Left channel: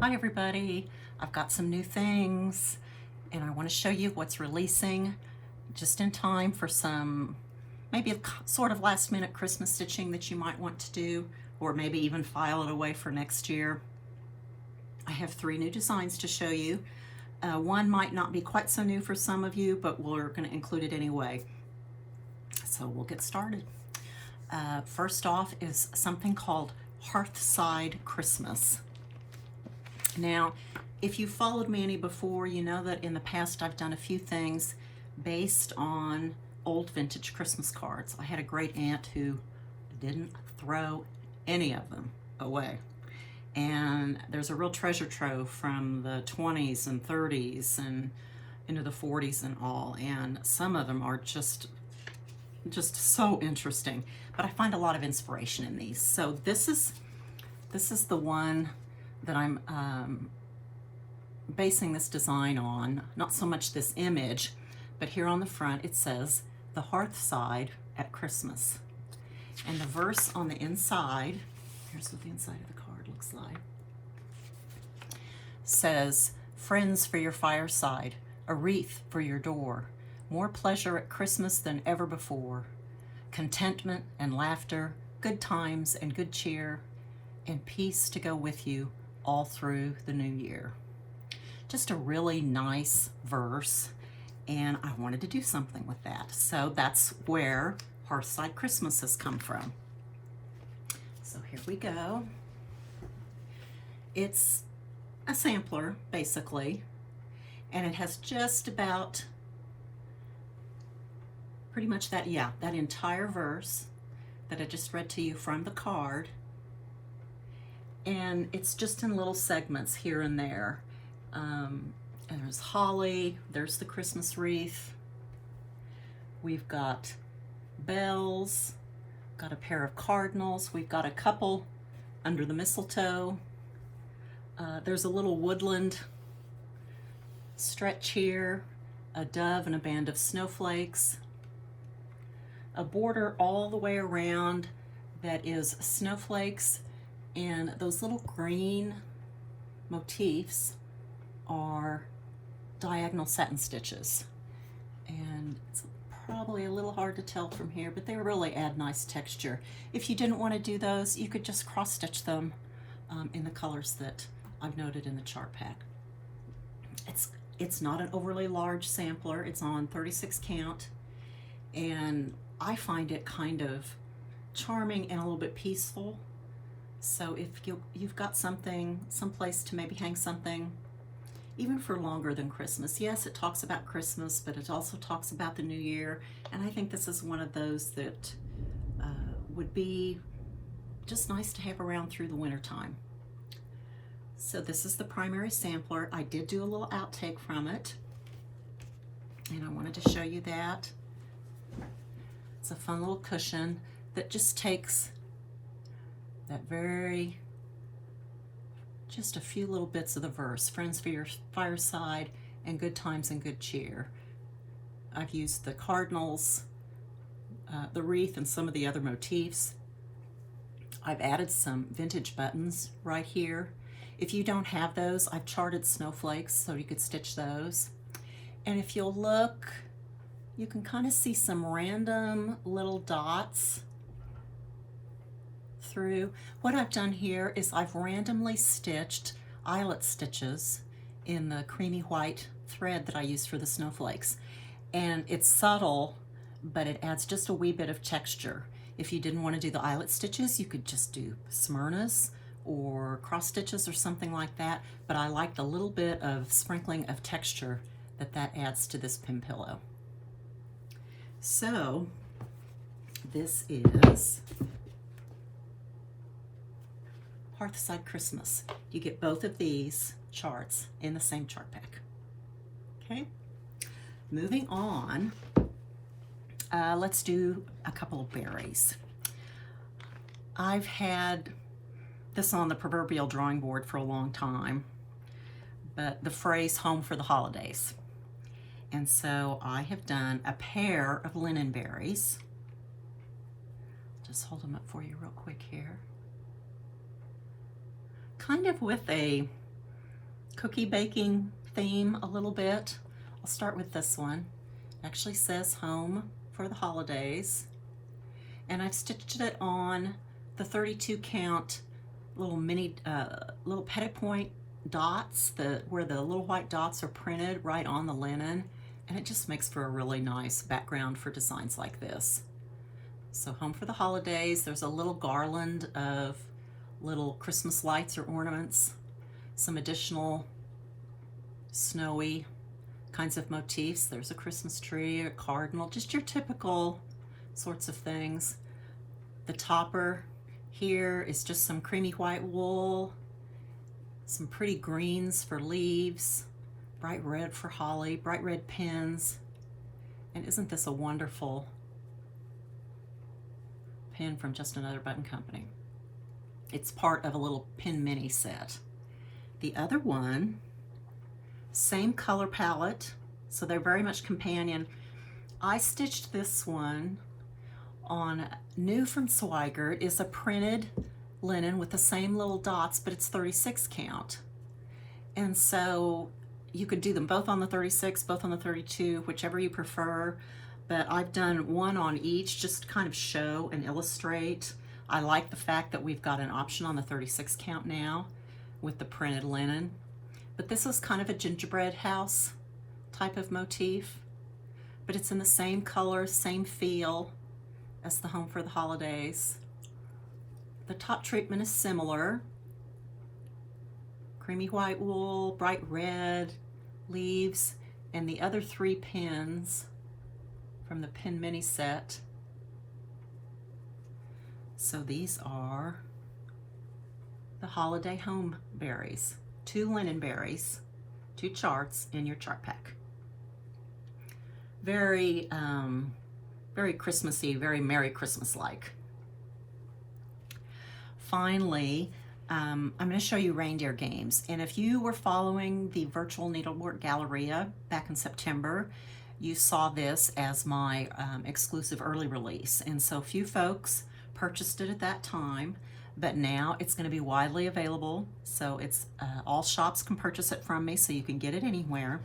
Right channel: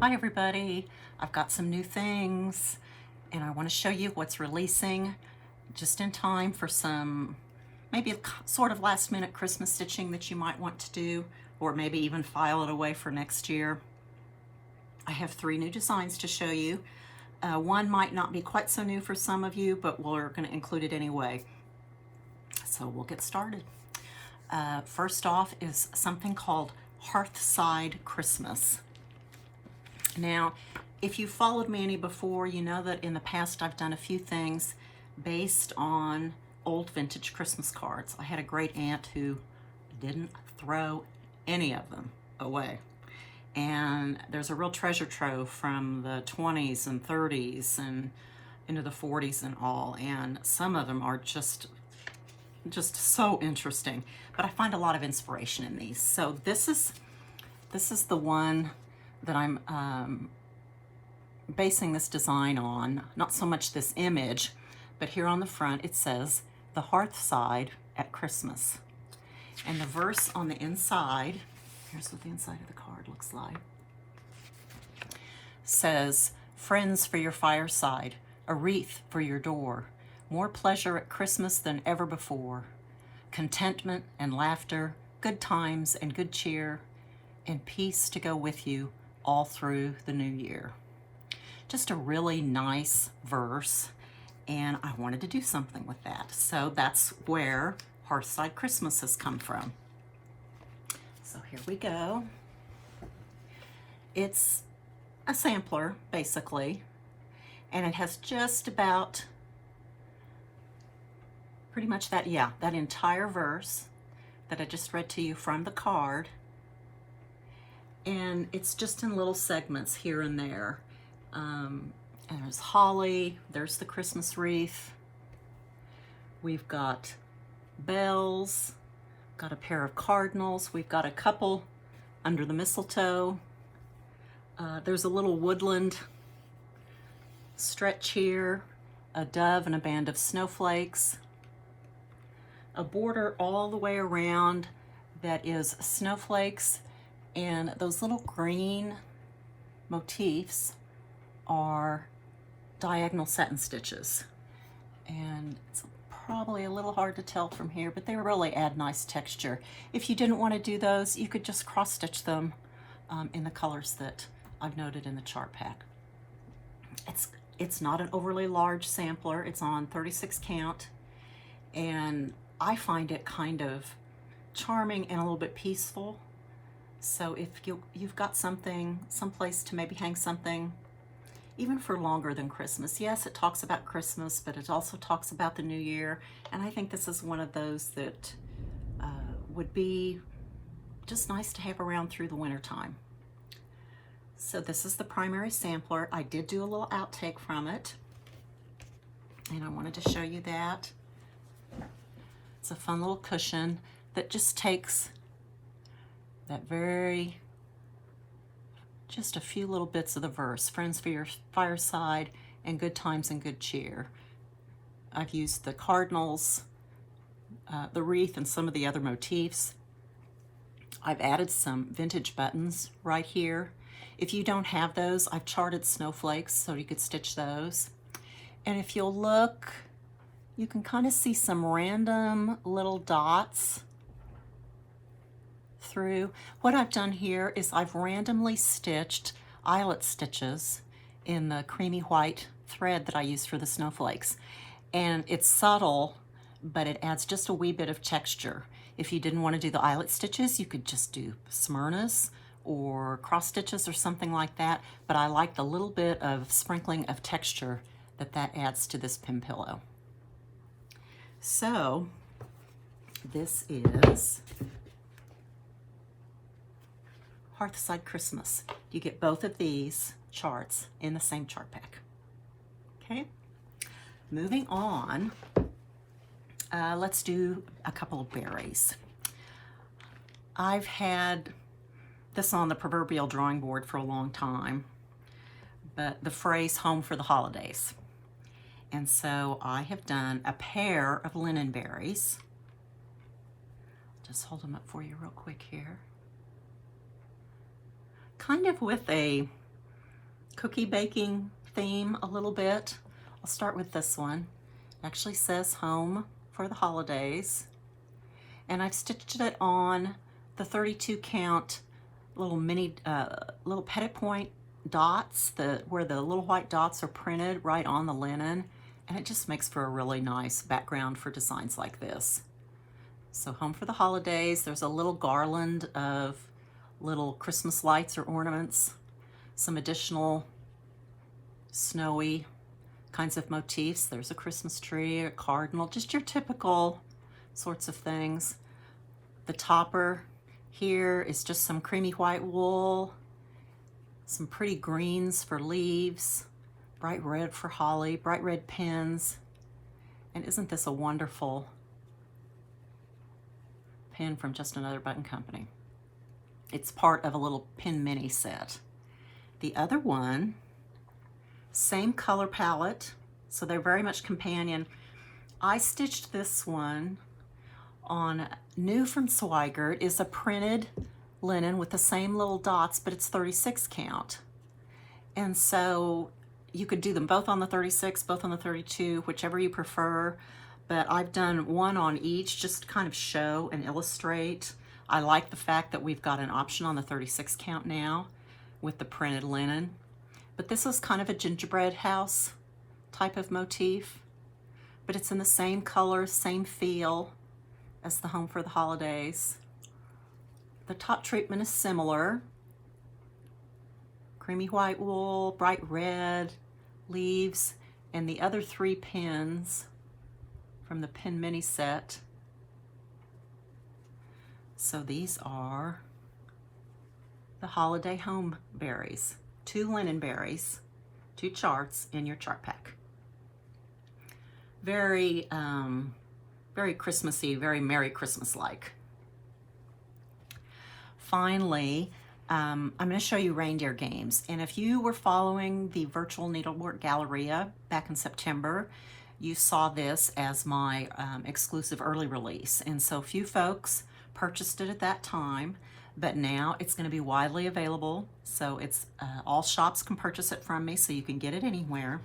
Hi everybody, I've got some new things and I want to show you what's releasing just in time for some maybe sort of last minute Christmas stitching that you might want to do, or maybe even file it away for next year. I have 3 new designs to show you. One might not be quite so new for some of you, but we're going to include it anyway. So we'll get started. First off is something called Hearthside Christmas. Now, if you followed me any before, you know that in the past I've done a few things based on old vintage Christmas cards. I had a great aunt who didn't throw any of them away. And there's a real treasure trove from the 20s and 30s and into the 40s and all. And some of them are just so interesting. But I find a lot of inspiration in these. So this is the one that I'm basing this design on. Not so much this image, but here on the front it says the Hearthside at Christmas. And the verse on the inside, here's what the inside of the card looks like, says, "Friends for your fireside, a wreath for your door, more pleasure at Christmas than ever before, contentment and laughter, good times and good cheer, and peace to go with you all through the new year." Just a really nice verse, and I wanted to do something with that. So that's where Hearthside Christmas has come from. So here we go. It's a sampler, basically, and it has just about pretty much that entire verse that I just read to you from the card. And it's just in little segments here and there. There's holly, there's the Christmas wreath. We've got bells, got a pair of cardinals. We've got a couple under the mistletoe. There's a little woodland stretch here, a dove and a band of snowflakes, a border all the way around that is snowflakes, and those little green motifs are diagonal satin stitches. And it's probably a little hard to tell from here, but they really add nice texture. If you didn't want to do those, you could just cross stitch them in the colors that I've noted in the chart pack. It's not an overly large sampler. It's on 36 count, and I find it kind of charming and a little bit peaceful. So if you've got something, someplace to maybe hang something, even for longer than Christmas. Yes, it talks about Christmas, but it also talks about the new year. And I think this is one of those that would be just nice to have around through the winter time. So this is the primary sampler. I did do a little outtake from it, and I wanted to show you that. It's a fun little cushion that just takes that just a few little bits of the verse, friends for your fireside and good times and good cheer. I've used the cardinals, the wreath, and some of the other motifs. I've added some vintage buttons right here. If you don't have those, I've charted snowflakes so you could stitch those. And if you'll look, you can kind of see some random little dots through. What I've done here is I've randomly stitched eyelet stitches in the creamy white thread that I use for the snowflakes. And it's subtle, but it adds just a wee bit of texture. If you didn't want to do the eyelet stitches, you could just do Smyrnas or cross stitches or something like that. But I like the little bit of sprinkling of texture that adds to this pin pillow. So this is Hearthside Christmas. You get both of these charts in the same chart pack. Okay, moving on, let's do a couple of berries. I've had this on the proverbial drawing board for a long time, but the phrase "home for the holidays." And so I have done a pair of linen berries. Just hold them up for you real quick here. Kind of with a cookie baking theme a little bit. I'll start with this one. It actually says home for the holidays. And I've stitched it on the 32 count little mini, little petit point dots, where the little white dots are printed right on the linen. And it just makes for a really nice background for designs like this. So home for the holidays, there's a little garland of little Christmas lights or ornaments, some additional snowy kinds of motifs. There's a Christmas tree, a cardinal, just your typical sorts of things. The topper here is just some creamy white wool, some pretty greens for leaves, bright red for holly, bright red pins. And isn't this a wonderful pin from Just Another Button Company? It's part of a little pin mini set. The other one, same color palette, so they're very much companion. I stitched this one on new from Swigert. Is a printed linen with the same little dots, but it's 36 count. And so you could do them both on the 36, both on the 32, whichever you prefer. But I've done one on each just to kind of show and illustrate. I like the fact that we've got an option on the 36 count now with the printed linen. But this is kind of a gingerbread house type of motif, but it's in the same color, same feel as the home for the holidays. The top treatment is similar. Creamy white wool, bright red leaves, and the other 3 pins from the pin mini set. So these are the holiday home berries. 2 linen berries, 2 charts in your chart pack. Very, very Christmassy, very Merry Christmas-like. Finally, I'm going to show you reindeer games. And if you were following the virtual needlework Galleria back in September, you saw this as my exclusive early release. And so few folks purchased it at that time, but now it's going to be widely available. So it's all shops can purchase it from me, so you can get it anywhere.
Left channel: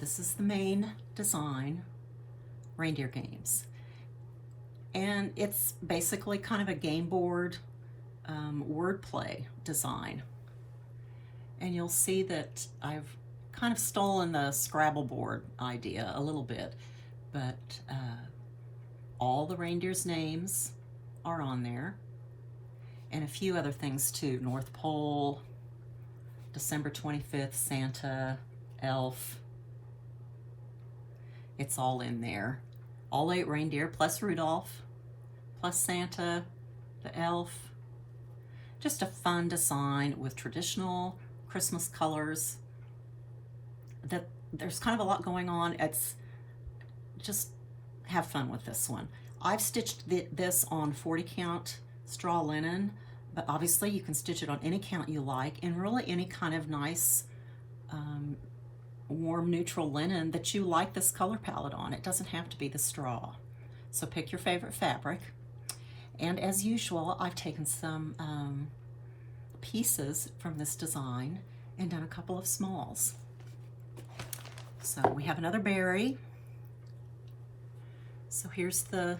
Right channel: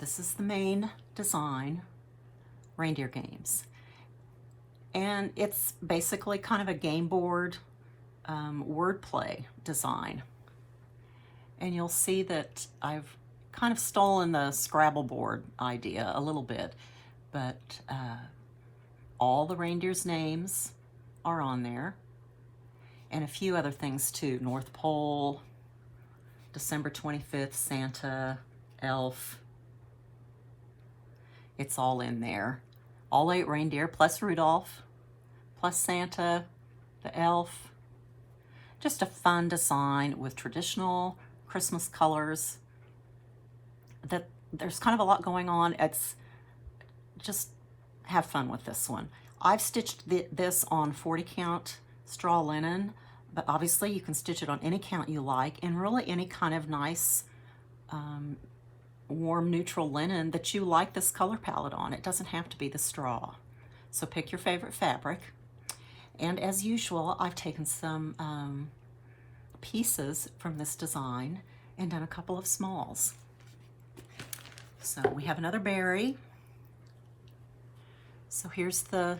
This is the main design, reindeer games. And it's basically kind of a game board wordplay design. And you'll see that I've kind of stolen the Scrabble board idea a little bit, but all the reindeers' names are on there, and a few other things too. North Pole, December 25th, Santa, Elf. It's all in there. All 8 reindeer plus Rudolph, plus Santa, the Elf. Just a fun design with traditional Christmas colors. There's kind of a lot going on. It's just have fun with this one. I've stitched this on 40 count straw linen, but obviously you can stitch it on any count you like, and really any kind of nice warm neutral linen that you like this color palette on. It doesn't have to be the straw. So pick your favorite fabric. And as usual, I've taken some pieces from this design and done a couple of smalls. So we have another berry. So here's the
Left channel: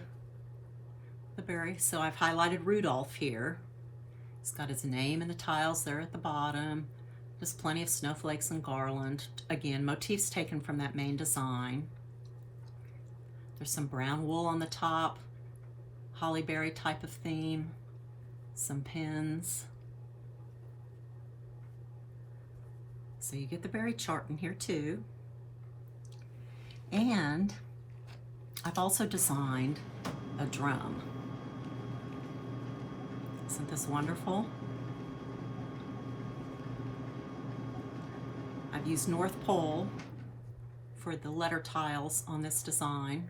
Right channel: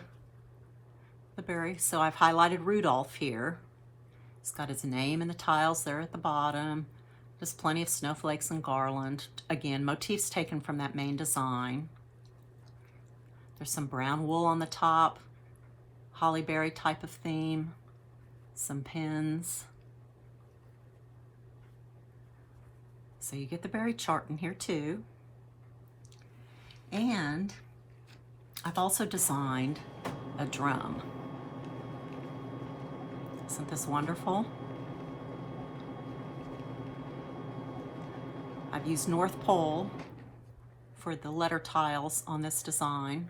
berry. So I've highlighted Rudolph here. He's got his name in the tiles there at the bottom. Just plenty of snowflakes and garland. Again, motifs taken from that main design. There's some brown wool on the top, holly berry type of theme, some pins. So you get the berry chart in here too. And I've also designed a drum. Isn't this wonderful? I've used North Pole for the letter tiles on this design,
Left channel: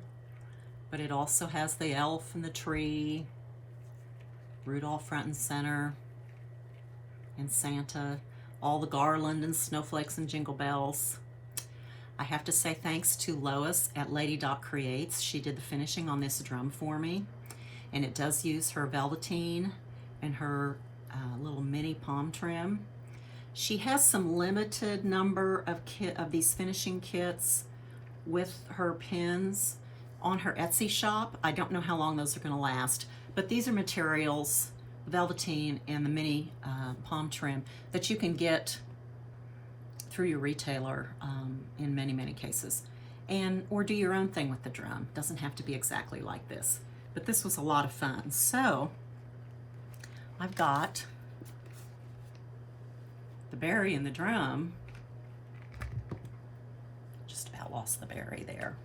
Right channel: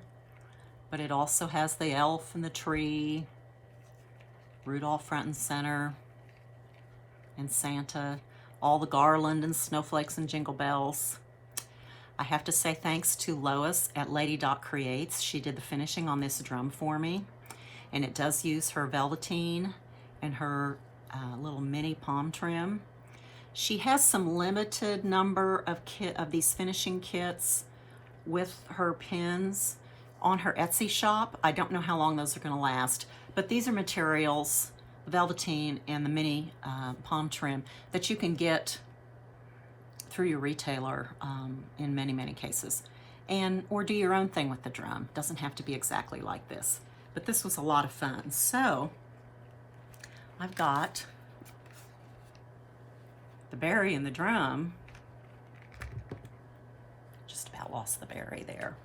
but it also has the elf and the tree, Rudolph front and center, and Santa, all the garland and snowflakes and jingle bells. I have to say thanks to Lois at Lady Doc Creates. She did the finishing on this drum for me, and it does use her velveteen and her little mini palm trim. She has some limited number of these finishing kits with her pins on her Etsy shop. I don't know how long those are going to last, but these are materials, velveteen and the mini palm trim, that you can get through your retailer in many, many cases. Or do your own thing with the drum. Doesn't have to be exactly like this, but this was a lot of fun. So I've got the berry and the drum. Just about lost the berry there.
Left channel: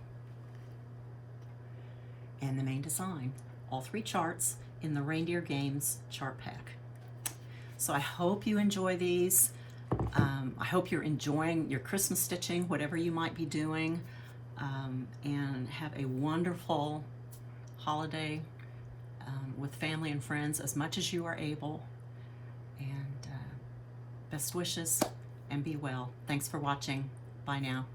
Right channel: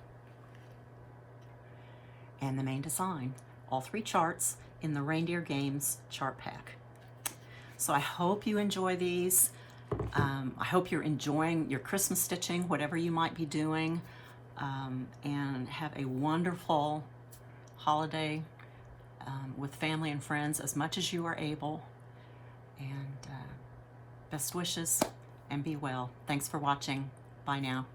And the main design, all 3 charts in the Reindeer Games chart pack. So I hope you enjoy these. I hope you're enjoying your Christmas stitching, whatever you might be doing, and have a wonderful holiday with family and friends as much as you are able. And best wishes, and be well. Thanks for watching. Bye now.